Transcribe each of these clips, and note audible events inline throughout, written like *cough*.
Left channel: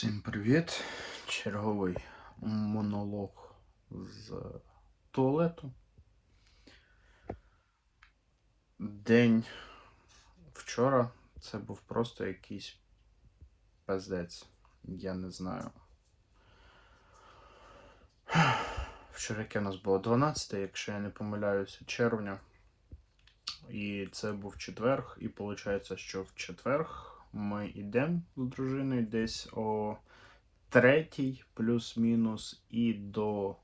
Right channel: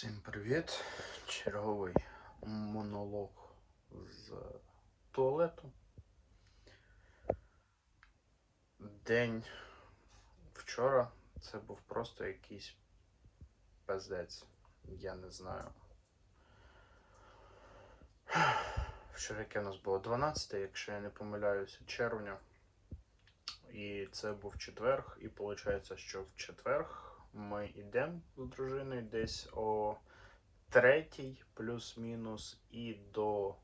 Всім привіт! Черговий монолог з туалету. День вчора це був просто якийсь пиздець. Я не знаю. Вчора яке у нас було 12, якщо я не помиляюся, червня. І це був четверг, і виходить, що в четверг ми йдемо з дружиною десь о третій, плюс-мінус, і до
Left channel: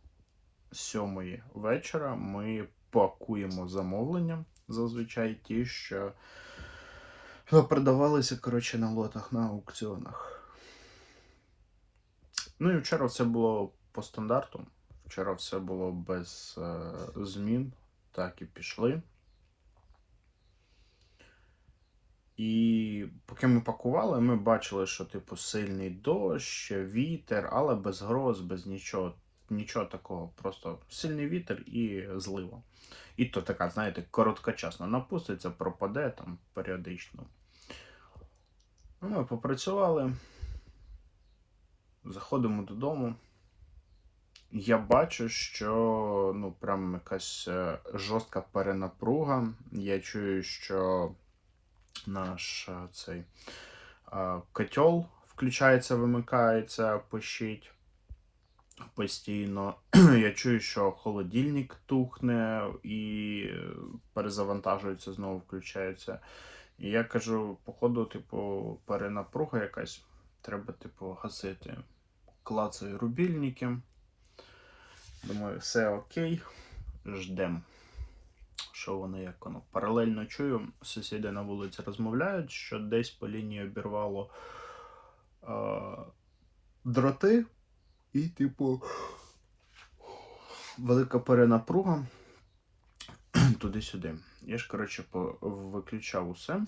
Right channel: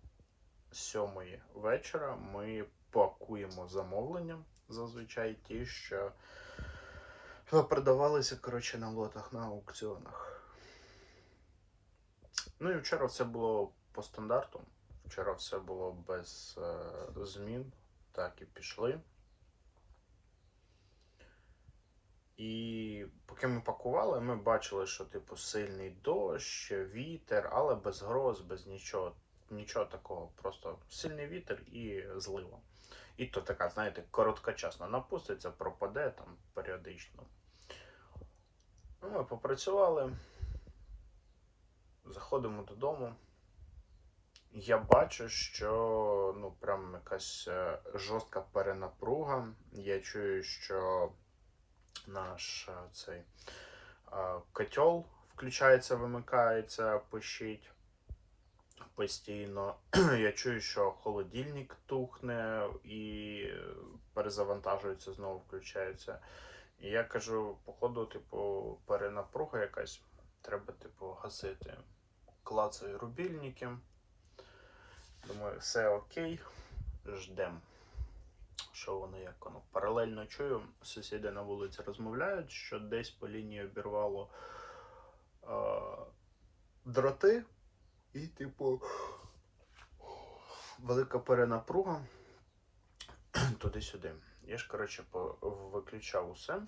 сьомої вечора ми пакуємо замовлення. Зазвичай ті, що продавалися коротше, на лотах на аукціонах. Ну і вчора все було по стандарту. Вчора все було без е, змін, так і пішли. І поки ми пакували, ми бачили, що типу сильний дощ, вітер, але без гроз, без нічого, нічого такого. Просто сильний вітер і злива. І то така, знаєте, короткочасно напуститься, пропаде там періодично. Ну, Ми попрацювали, заходимо додому. Я бачу, що ну, прям якась е, жорстка перенапруга. Я чую, що наш е, цей е, котел включається, вимикається, пищить постійно. *clears throat* Я чую, що холодильник тухне і перезавантажується, знову включається. І я кажу, походу, типу, перенапруга якась. Треба, типу, гасити. Клацаю рубільники. Думаю, все окей. Ждем що воно як воно. Паралельно чую, сусіди на вулиці розмовляють, що десь по лінії обірвало е, дроти, і, типу, велика перенапруга туди-сюди. Я ж, коротше, виключав усе.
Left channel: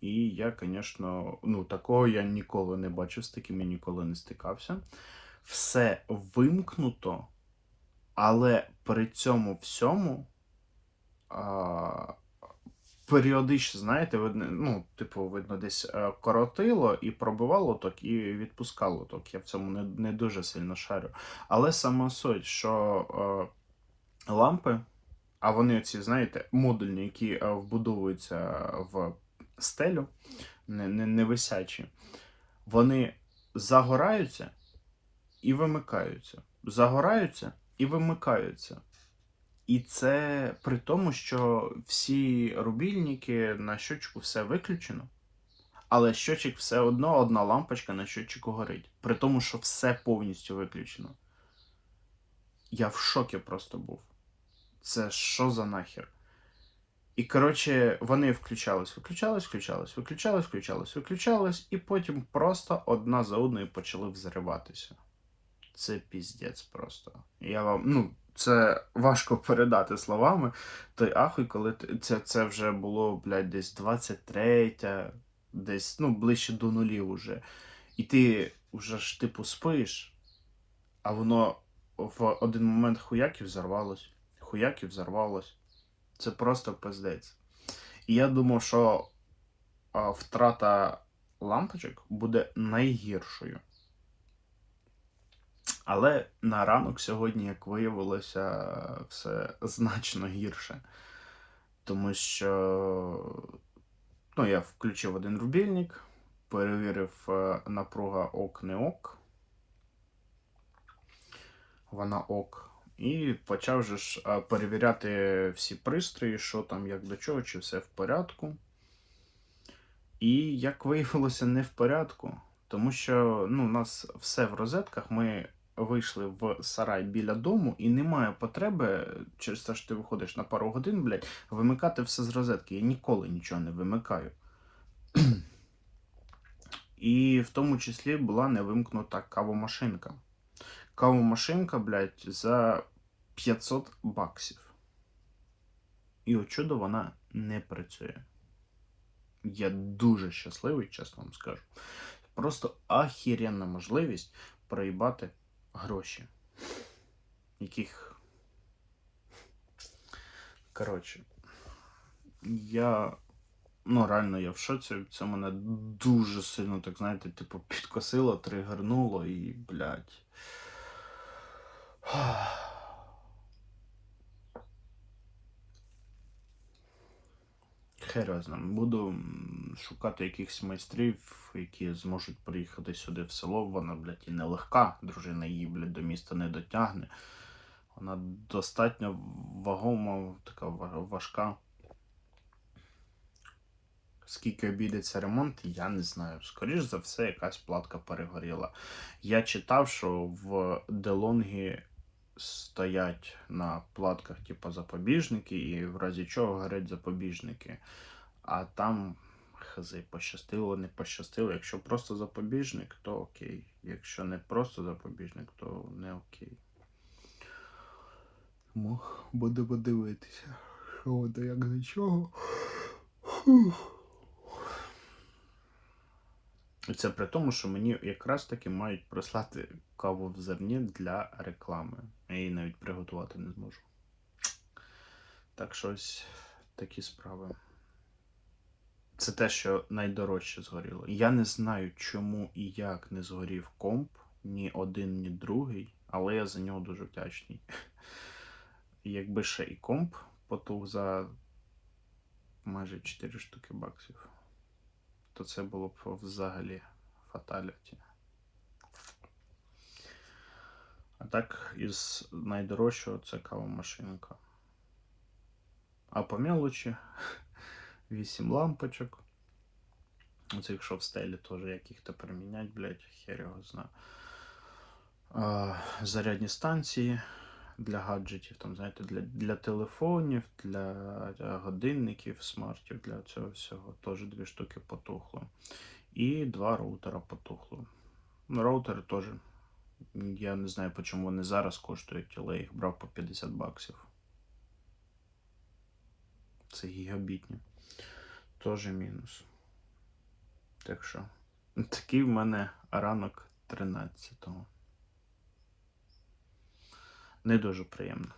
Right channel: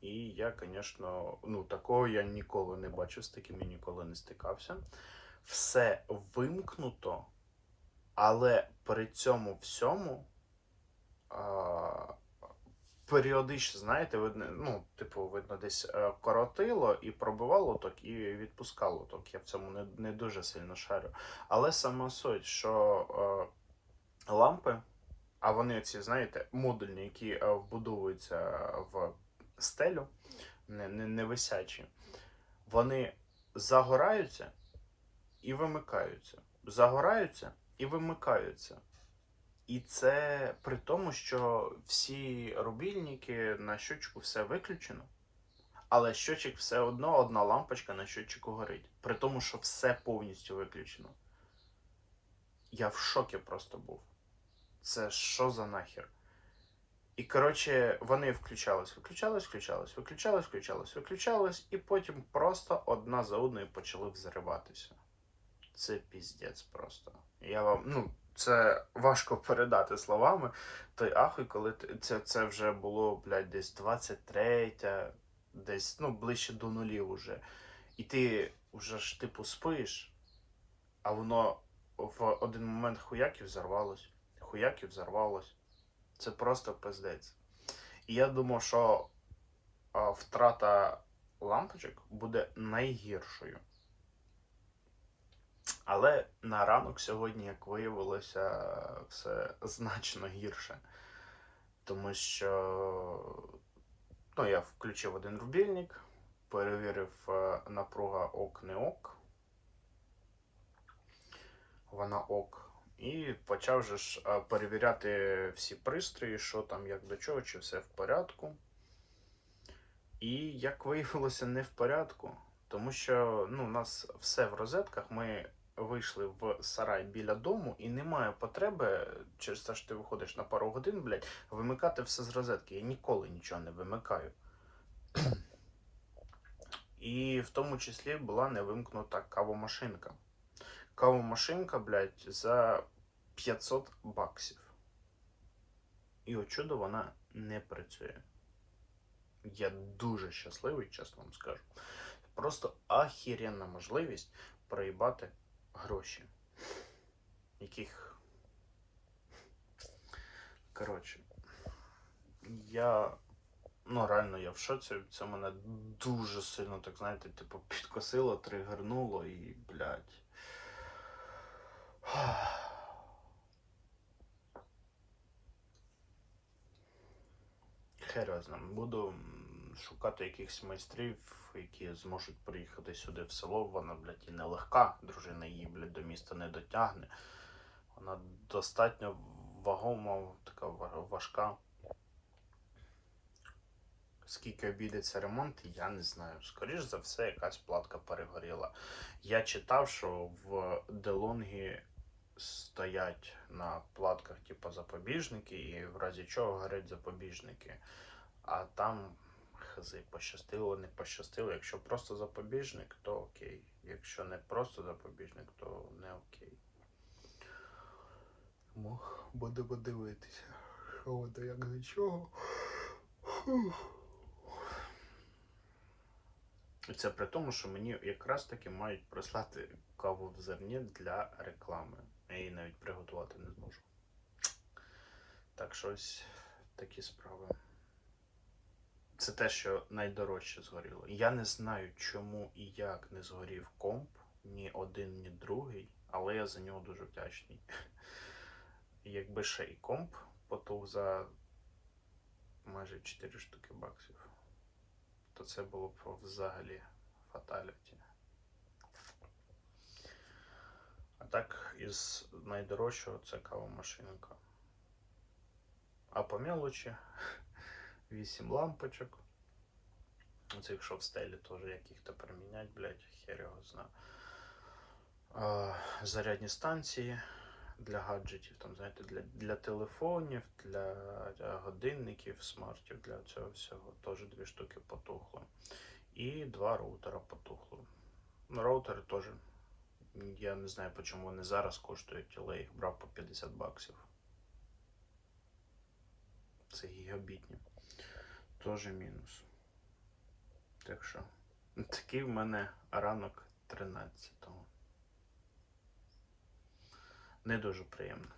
І я, звісно, ну, такого я ніколи не бачив, з таким я ніколи не стикався. Все вимкнуто, але при цьому всьому періодично, знаєте, видно, ну, типу, видно, десь е, коротило і пробивало ток, і відпускало ток. Я в цьому не не дуже сильно шарю. Але сама суть, що е, лампи, а вони оці, знаєте, модульні, які е, вбудовуються в стелю, не, не, не висячі, вони загораються і вимикаються. Загораються і вимикаються. І це при тому, що всі рубільники на щочку все виключено, але щочик все одно одна лампочка на щочику горить. При тому, що все повністю виключено. Я в шокі просто був. Це що за нахер? І, коротше, вони включались, виключались, включались, виключались, включались, виключались, і потім просто одна за одною почали взриватися. Це піздець просто. Я вам, ну, це важко передати словами. Той ахуй, коли це це вже було, блядь, десь 23, десь ну, ближче до нулів уже. І ти вже ж типу спиш, а воно в один момент хуяків взорвалось, хуяків взорвалось. Це просто пиздець. І я думав, що а, втрата лампочок буде найгіршою. Але на ранок сьогодні, як виявилося, все значно гірше. Тому що ну, я включив один рубільник, перевірив е, напруга ок не ок. Вона ок. І почав же ж е, перевіряти всі пристрої, що там, як до чого, чи все в порядку. І як виявилося, не в порядку. Тому що ну, у нас все в розетках. Ми вийшли в сарай біля дому, і немає потреби, через те, що ти виходиш на пару годин, блядь, вимикати все з розетки. Я ніколи нічого не вимикаю. *clears throat* І в тому числі була не вимкнута кавомашинка. Кавомашинка, блядь, за 500 баксів. І от чудо вона не працює. Я дуже щасливий, чесно вам скажу. Просто ахіренна можливість проїбати гроші, яких. Коротше, я Ну, реально, я в шоці. Це мене дуже сильно, так знаєте, типу, підкосило, тригернуло і, блядь. Хер його знає. Буду шукати якихось майстрів, які зможуть приїхати сюди в село. Вона, блядь, і нелегка. Дружина її, блядь, до міста не дотягне. Вона достатньо вагома, така важка. Скільки обійдеться ремонт, я не знаю. Скоріш за все, якась платка перегоріла. Я читав, що в Делонгі стоять на платках, типу, запобіжники, і в разі чого горять запобіжники. А там хз, пощастило, не пощастило. Якщо просто запобіжник, то окей. Якщо не просто запобіжник, то не окей. Тому будемо дивитися. Що воно як до чого. І це при тому, що мені якраз таки мають прислати каву в зерні для реклами. Я її навіть приготувати не зможу. Так що ось такі справи. Це те, що найдорожче згоріло. Я не знаю, чому і як не згорів комп, ні один, ні другий, але я за нього дуже вдячний. *laughs* Якби ще і комп потух за майже 4 штуки баксів, то це було б взагалі фаталіті. А так, із найдорожчого це кавомашинка. А по мелочі *laughs* 8 лампочок. Оце якщо в стелі теж як їх тепер міняти, блядь, хер його знає. Зарядні станції для гаджетів, там, знаєте, для, для телефонів, для годинників, смартів, для цього всього. Теж дві штуки потухло. І два роутера потухло. Роутери теж. Я не знаю, по чому вони зараз коштують, але я їх брав по 50 баксів. Це гігабітні. Теж мінус. Так що, *laughs* такий в мене ранок 13-го. Не дуже приємно.